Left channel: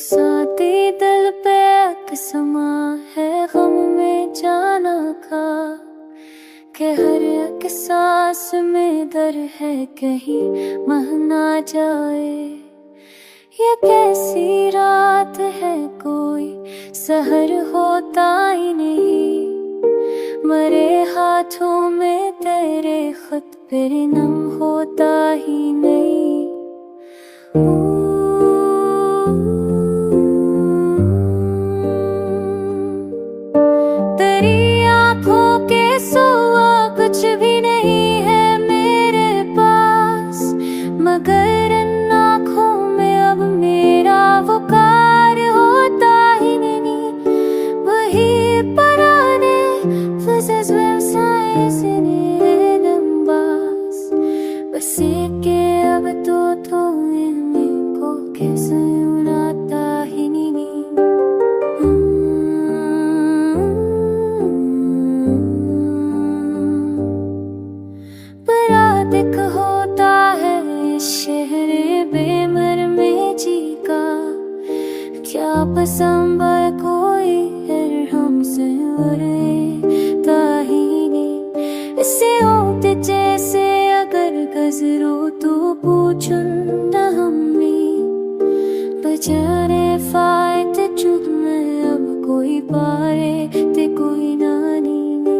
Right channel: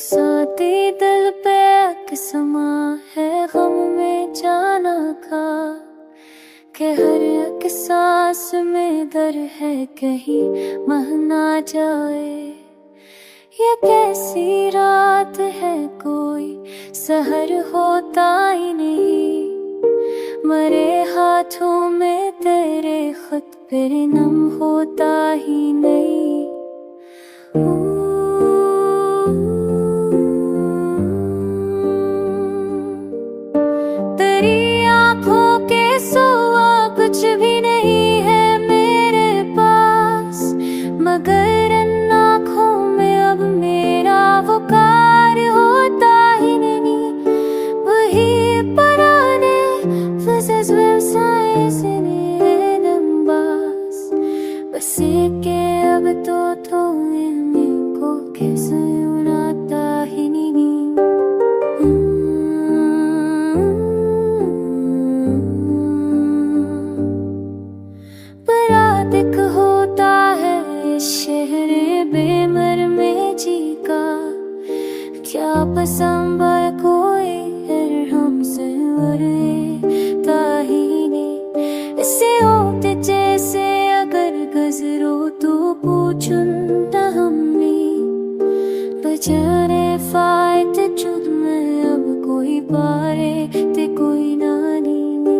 बरसाती दिल पे समा है गम में जाना का के हर एक सांस में दर है कहीं मह ना जाए। ये कैसी रात है कोई सहर होता ही नहीं, मरे हाथों में तेरे खत फिर नम होता ही नहीं। तेरी आंखों के सिवा कुछ भी नहीं है मेरे पास, मगर इन आंखों में अब मेरा पुकार होता ही नहीं। वही पुराने बस के अब तो मेरे को कैसे उड़ाता ही नहीं। पराधिक होता है इस शहर बेमर में जी का, क्या पसंद कोई है हमसे वरता ही नहीं। इसे होते जैसे अगर गजरो तो पूछूं न हमें, बजारे फायदे चुद में अब कोई पारे ते कोई नानी ने।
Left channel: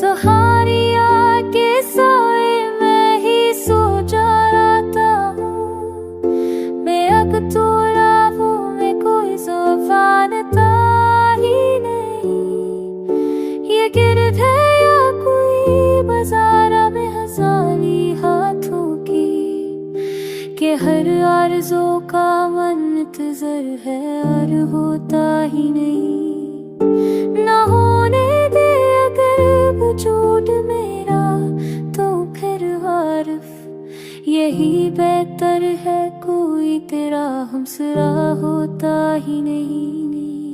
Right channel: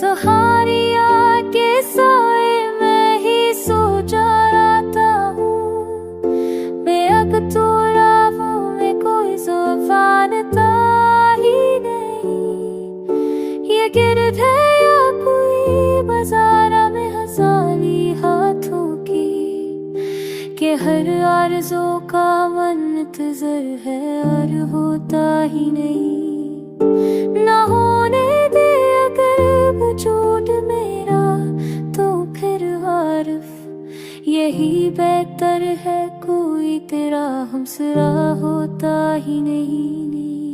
तो हारिया के साए में ही सो जा रहा हूँ मैं, अब तो राहों में कोई ज़ुबानता ही नहीं। ये गिरद है या कोई बाज़ारा में हज़ारी हाथों की, के हर आरज़ू का मुंतज़र है और होता ही नहीं। ना होने दे अगर वजूद मेरा तो फिर आरिफ यही बेहतर है, कोई तेरा हमसरा होता ही नहीं।